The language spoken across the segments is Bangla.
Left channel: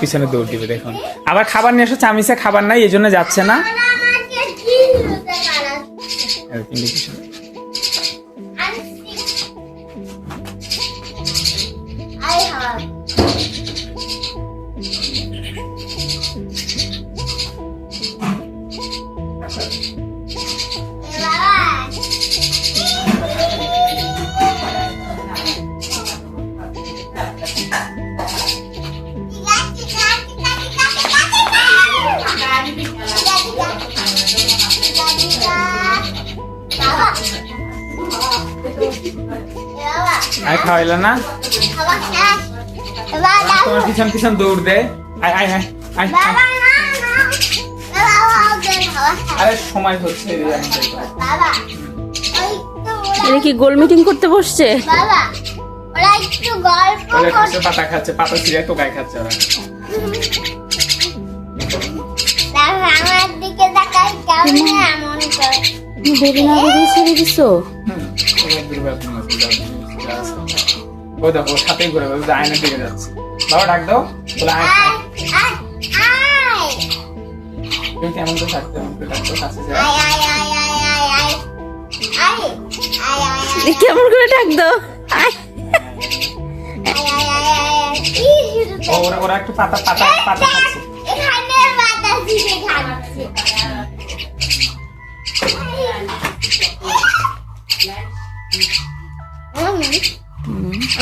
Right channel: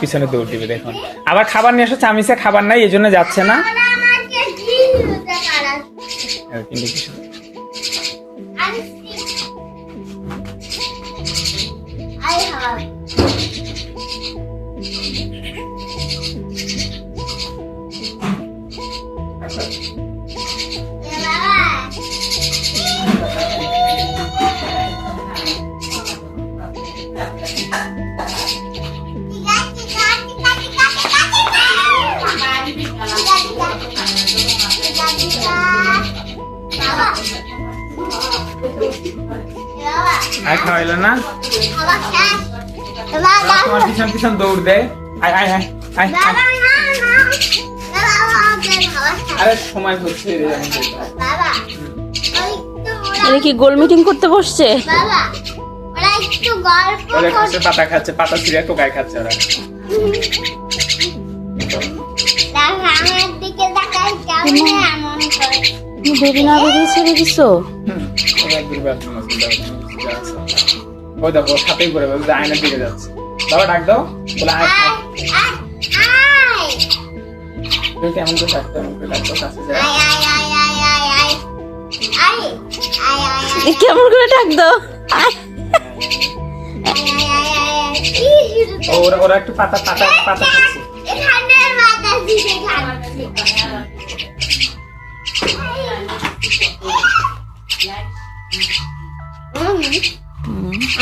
পিছনে দৌড় দিবে দেখুন। আবার খাবার নিয়ে এসে চামিচে খাবার নাই, এই জন্য যাচ্ছে না। আর খাওয়াইলো না, তোমার পিছন পিছন দৌড় দেয়। আয় আয় আয় আয় আরে সময় হচ্ছে। এরা কি গোল মিটিং করতে বসছে? পাতা খাচ্ছে, পাতা ছিঁড়ে টোকাই খাচ্ছে ওরা। বেরি না বেরিয়ে ছেড়ে দিছো? ও দেখো সাথেই ঘুরে বলছে আয়নার দিকে যাচ্ছে। বাবা ডাক দাও, বলে কেমন তো থাকতে কাছে যায়। কেমন করে ডাক দাও? ওরা একটু পাতা পাতা পাতা খাচ্ছে।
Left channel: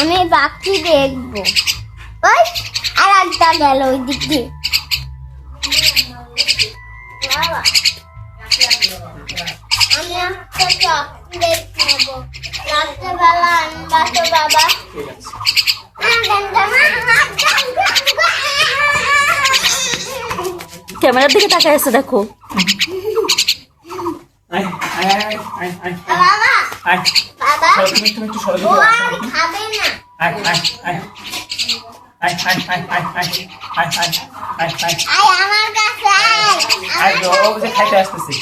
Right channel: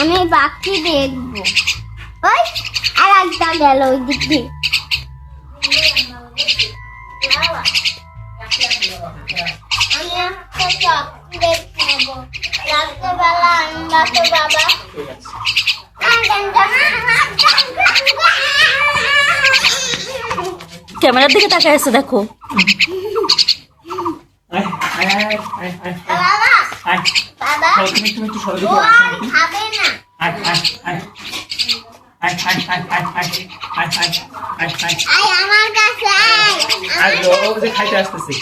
আমি বাকি দেখবো। ওই আর একটা গেল ওই দিক দিয়ে। আমি রাত্রেবেলা আনবা তো বাবা। ক্যামেরার দিকে তাকায় আছে দেখো। খাইতে আসতেছি।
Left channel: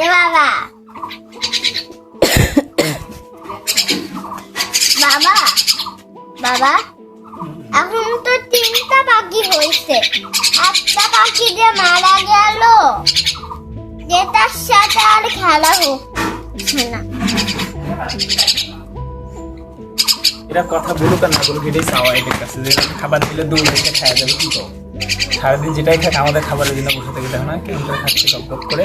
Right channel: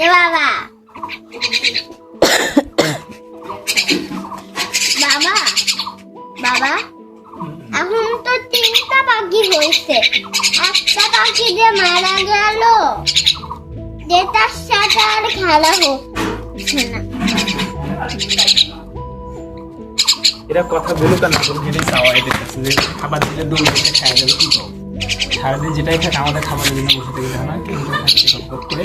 বাবা বাবা বাবা, এখন তো 3টা পাখি হয়েছে। একটা পাখি যে মারা গেল, যেটার সাথে আর খেলা হচ্ছে না। এরা কথা বলুক না, এটাই চাওয়া এদের কাছে যে খাবার দিলে দৌড় দিতে খাওয়া যাবে। কি করবো, সারাদিন যেটাই খায় আমাদের খাবারের জন্য বসে থেকে না, কিন্তু খাচ্ছে সব করে।